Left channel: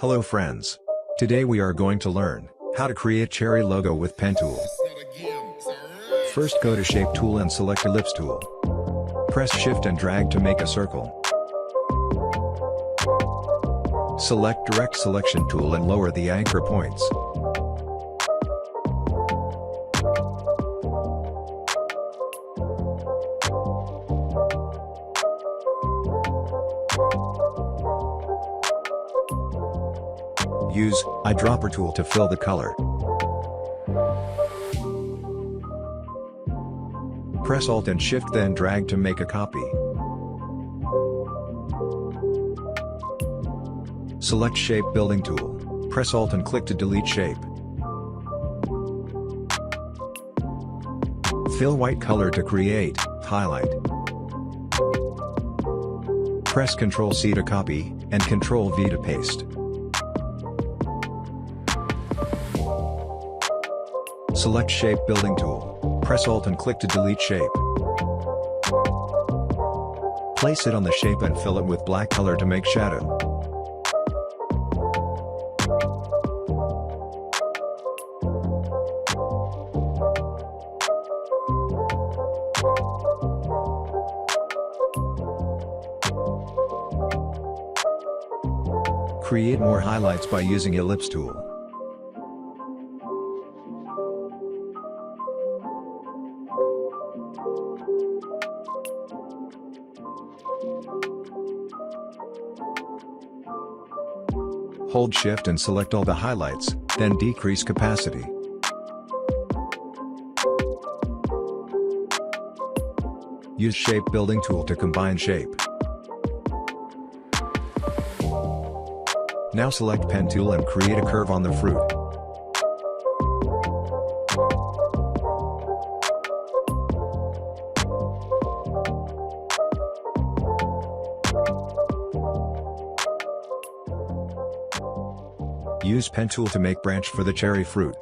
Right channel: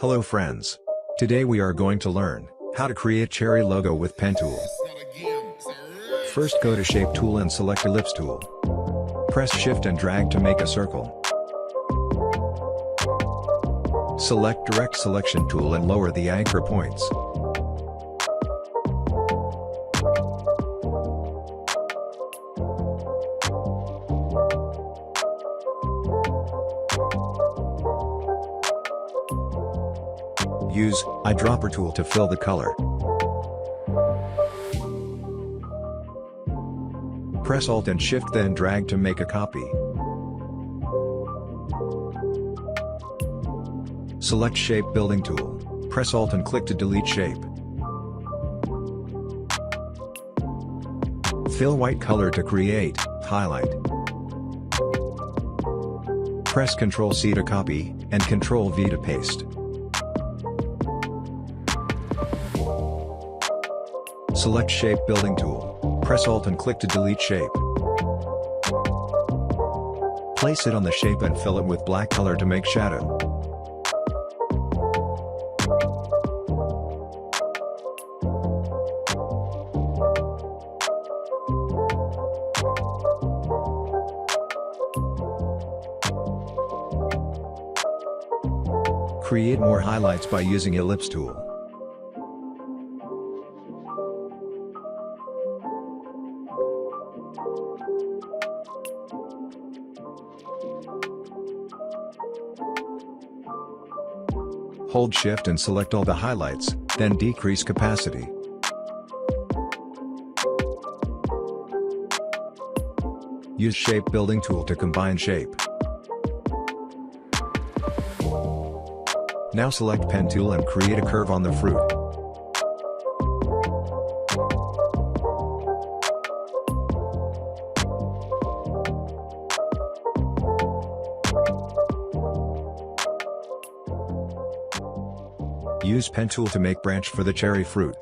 Hello friends. Today we are going to learn how to create cherry logo with pen tool. First go to shape tool and select ellipse tool. Press shift and drag to make a circle. Select direct selection tool and lower the anchor points. Use eyedropper tool to fill the color. Press Alt and Shift then drag to make a copy. Select Shape Building tool. Press Alt and click to delete shape. Fill white color to create highlight. Press Ctrl C to copy, and Ctrl V to paste. Select Shape Building tool. Press Alt and click to delete shape. Place it on the shape and fill it with black color to make shadow. Create more highlights by using ellipse tool. Hold shift and select all the highlights, then decrease capacity. Use shape building tool to combine shape. Now select pen tool and create a curve on the fruit. Use pen tool to make branch for the cherry fruit.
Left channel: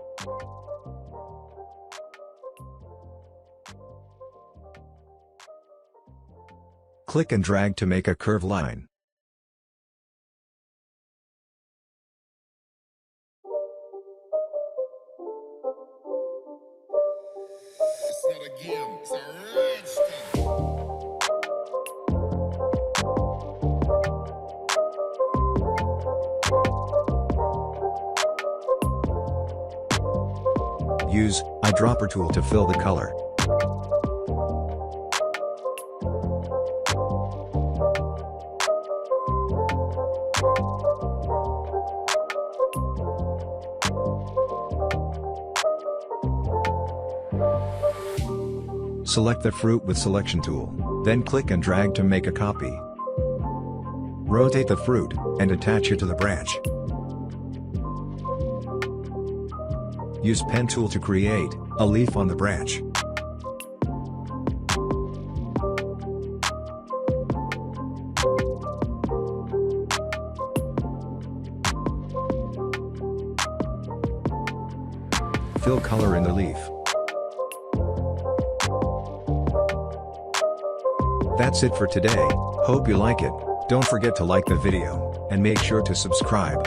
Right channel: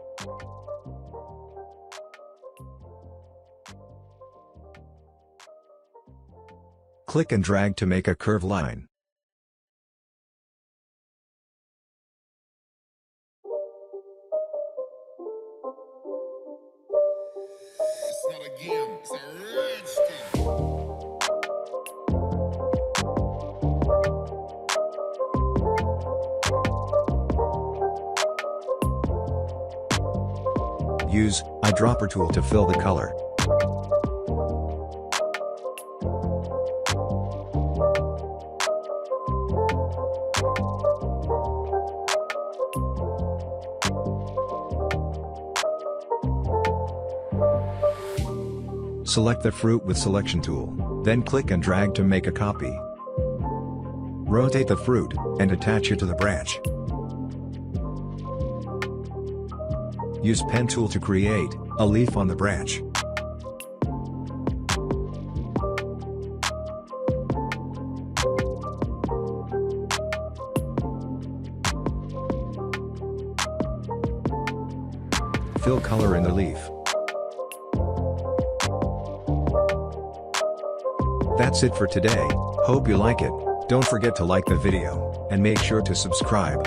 Click and drag to make a curved line. It's not a game, it's a rich thing. Use eyedropper tool to fill the color. Select the fruit with selection tool, then click and drag to make a copy. Rotate the fruit, and attach it to the branch. Use pen tool to create a leaf on the branch. Fill color in the leaf. That's it for today. Hope you like it. Don't forget to like the video, and make sure to subscribe.